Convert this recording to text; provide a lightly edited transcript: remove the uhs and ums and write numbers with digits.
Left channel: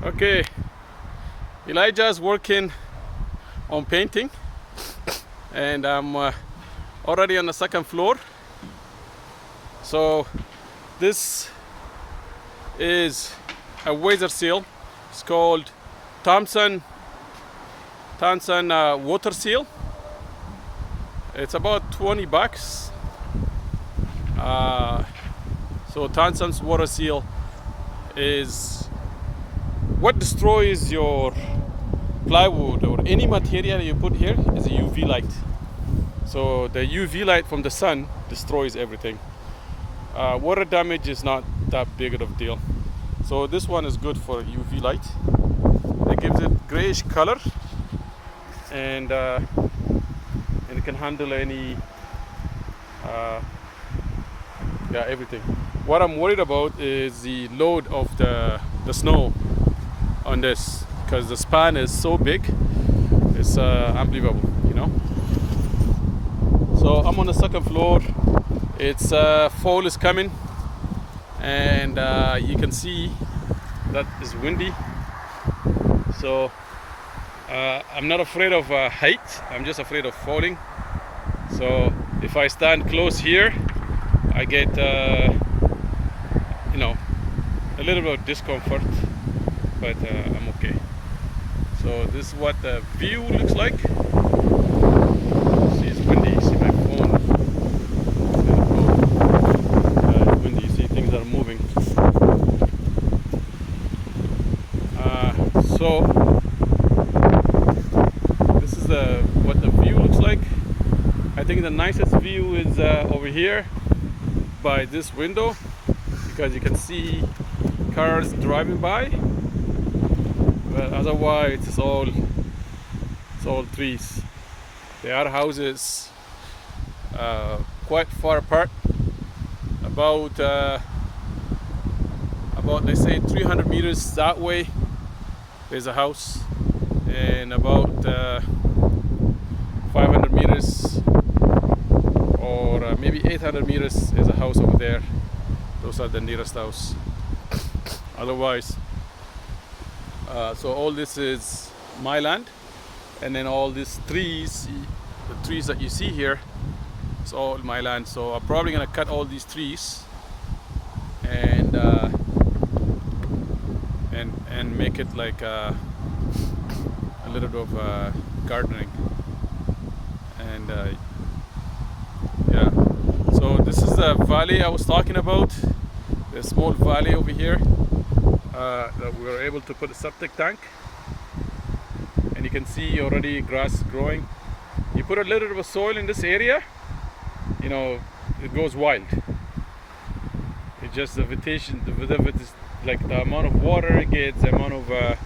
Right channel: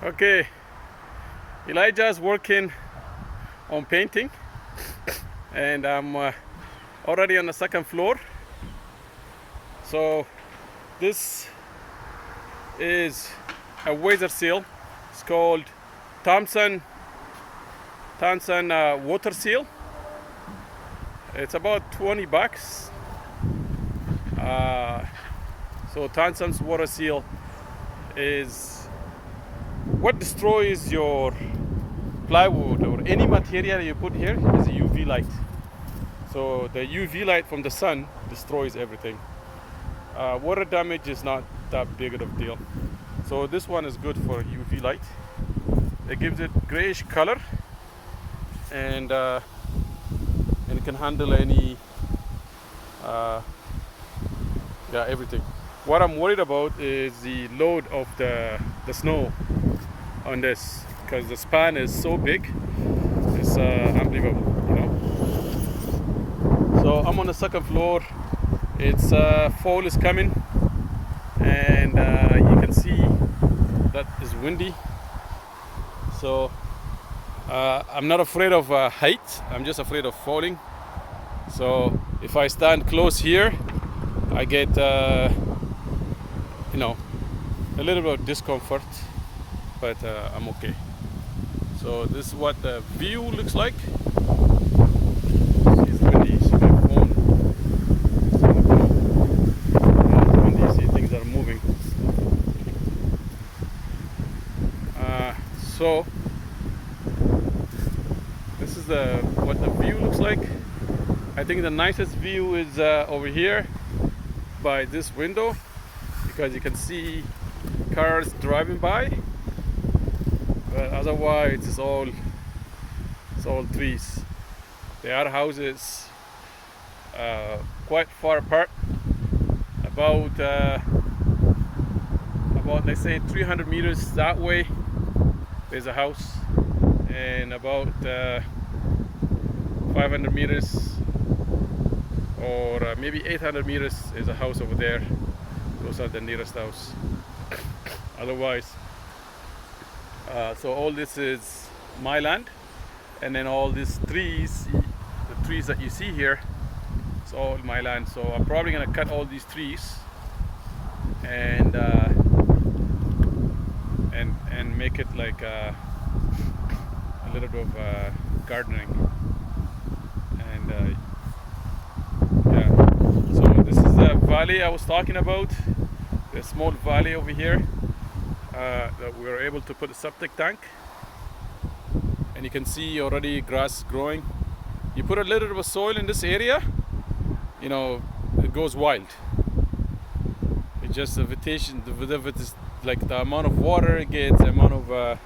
Okay, Elijah's working on painting, and I'm already on the second floor. So this is a weather seal. It's called Thompson water seal. It's about 20 bucks. So Thompson's water seal is what destroys your plywood or any material you put here is a UV light. So the UV light from the sun destroys everything. Water damage is not that big of a deal. So this one is good for UV light. It gives it grayish color, and it can handle any everything. What I'm worried about is the load of the snow on this, because the span is so big. It's unbelievable, you know. So I'm on the second floor. It's fall is coming, and you can see that is windy. So I'm not afraid of height. I'm just afraid of falling. So if I stand close here, I get a little bit of discomfort, but I'm okay. So this is what the view looks like. See, it's windy. See my phone. Windy. You see things are moving. So this is what the view looks like. I think the nicest view is over here by this window, because you can see cars driving by. But otherwise it's all trees. There are houses quite far apart, about let's say 300 meters that way there's a house, and about 500 meters or maybe 800 meters is a house over there. Those are the nearest house. Otherwise, so all this is my land, and then all these trees, the trees that you see here, it's all my land. So I'm probably gonna cut all these trees and make it like a little bit of gardening. And yeah, so this is the valley I was talking about, the small valley over here that we were able to put a septic tank, and you can see already grass growing. You put a little bit of soil in this area, you know, it goes wild. It's just the vegetation, the like the amount of water it gets, the amount of